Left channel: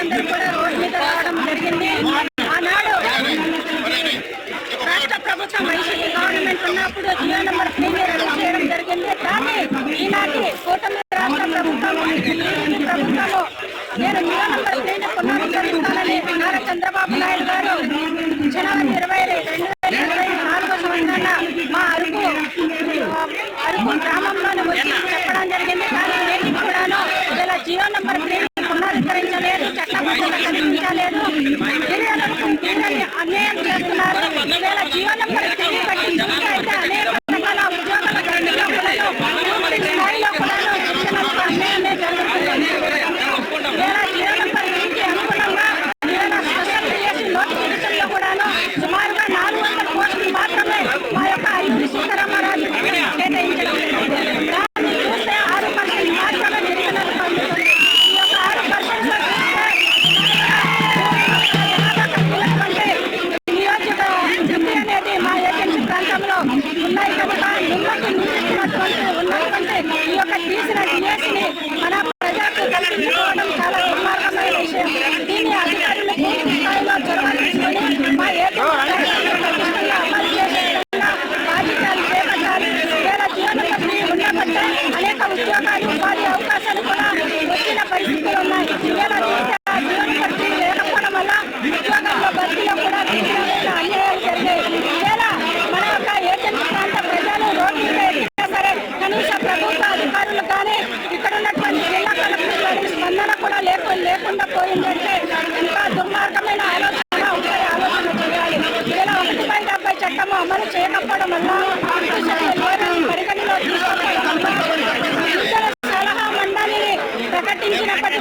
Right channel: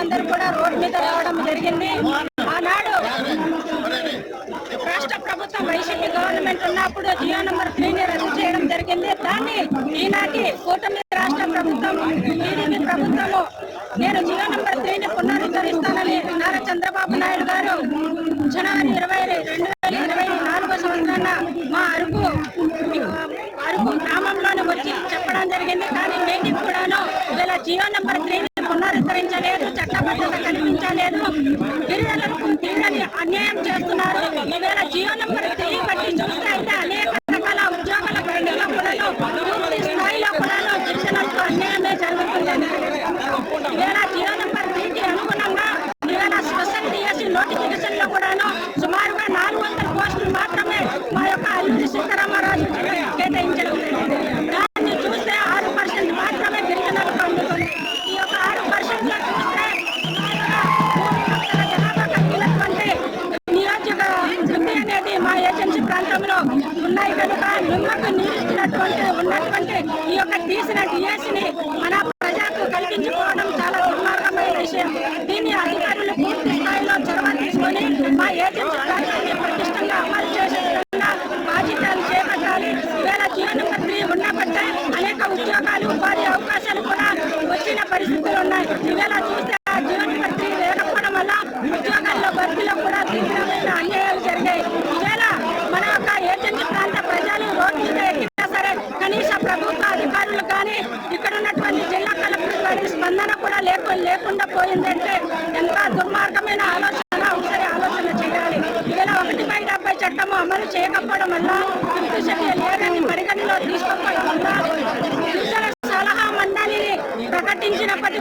ప్రజలందరూ కూడా రోడ్డు మీద రావడం జరిగింది. ఆనాడు రాష్ట్ర ప్రభుత్వం వైసీపీ గవర్నమెంట్ ఉన్నప్పుడు జియో నెంబర్ త్రీ రద్దు చేయడం జరిగింది. కానీ ఈనాటి కూటమి రాష్ట్ర ప్రభుత్వం టీడీపీ ప్రభుత్వము నేను జియో నెంబర్ త్రీని పునరుద్ధరిస్తానని నారా చంద్రబాబు నాయుడు Negara ఉపాధి అవకాశాలు కూడా వచ్చిన పరిస్థితులు ఉన్నాయి ఇవాళ చూస్తే జీవనపతి లేకపోవడం వల్ల ఉద్యోగాల్లో భర్తీలో కూడా తీవ్రమైన అన్యాయాలు జరిగాయి ఇవాళ మన యొక్క ఏజెన్సీ ప్రాంత ప్రజలు రోడ్డు సరే కనీస ప్రభుత్వ అధికారులు కానీ ఇక్కడ ఉన్నటువంటి జిల్లా కలెక్టర్ గారి స్పందన కూడా లేకు లేకుండా పోయిందంటే ఇంకా దుర్మార్గమైన ఆలోచన ఆలోచన చేయాలి. ఇవాళ ఒకటి బై డెబ్బై చట్టము అమలు చేయకపోవడం వల్ల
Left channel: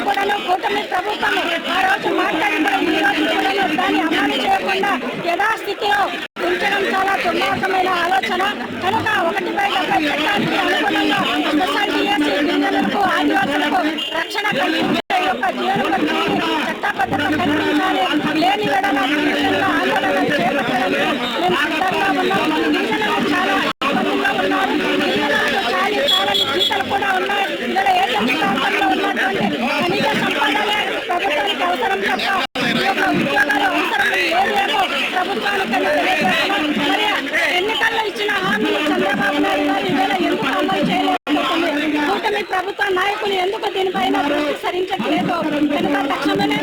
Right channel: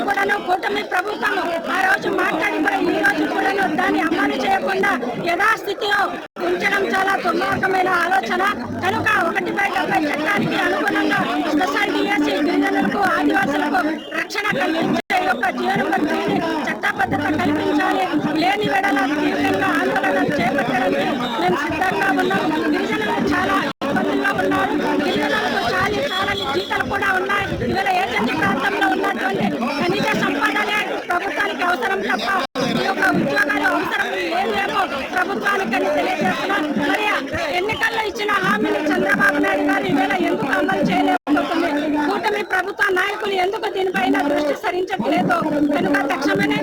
కూడాను కూటమి ప్రభుత్వం ఆ రోజు మాట్లాడిన ఈ రోజు కూడాను దాన్ని అమలు చేయకుండా యథాస్థితిలో ఉంచడం చాలా దుర్మార్గమైన ఆలోచన. కనుక ఒకటి బై డెబ్బై చట్టానికి అనుగుణంగా స్పెషల్ డిఎస్సీ ఆదివాసులకు రక్షణ కల్పించే చాలని కూడా ఉన్నాయి. ఇలా ఏ ప్రాంతంలో ఉన్నటువంటి ఖనిజ సంపదల ప్రభుత్వానికి అవసరం తప్ప ఈ యొక్క అవసరం లేదేమో ప్రభుత్వానికి తెలియజేస్తున్నాం. మరి ఎన్నికల్లో ఇచ్చిన హామీని చంద్రబాబు నాయుడు గారు ఎందుకు అమలు చేయలేకపోతుంది కూటమి ప్రభుత్వ నాయకులు ఎందుకు దీనిపైన దృష్టి సరించట్లేదు? కనుక తక్షణమే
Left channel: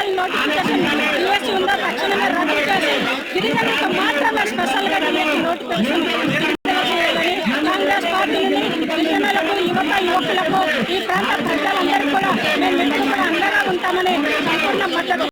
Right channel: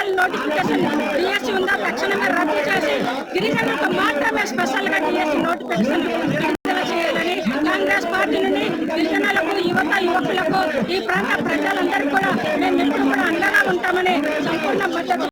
అసలు నోటిఫికేషన్ డిఎస్సీ ఉందా? తక్షణమే రద్దు చేసి గిరిజనులకు మాత్రమే స్పెషల్గా డిఎస్సీ నోటిఫికేషన్ కాంగ్రెస్ పార్టీ నుండి గిరిజనులకు యువత యువకులకు ఈ ప్రాంత ప్రజలందరూ కూడా మేము ఎప్పుడు కూడా అండగా ఉంటామని సంపూర్ణ మద్దతు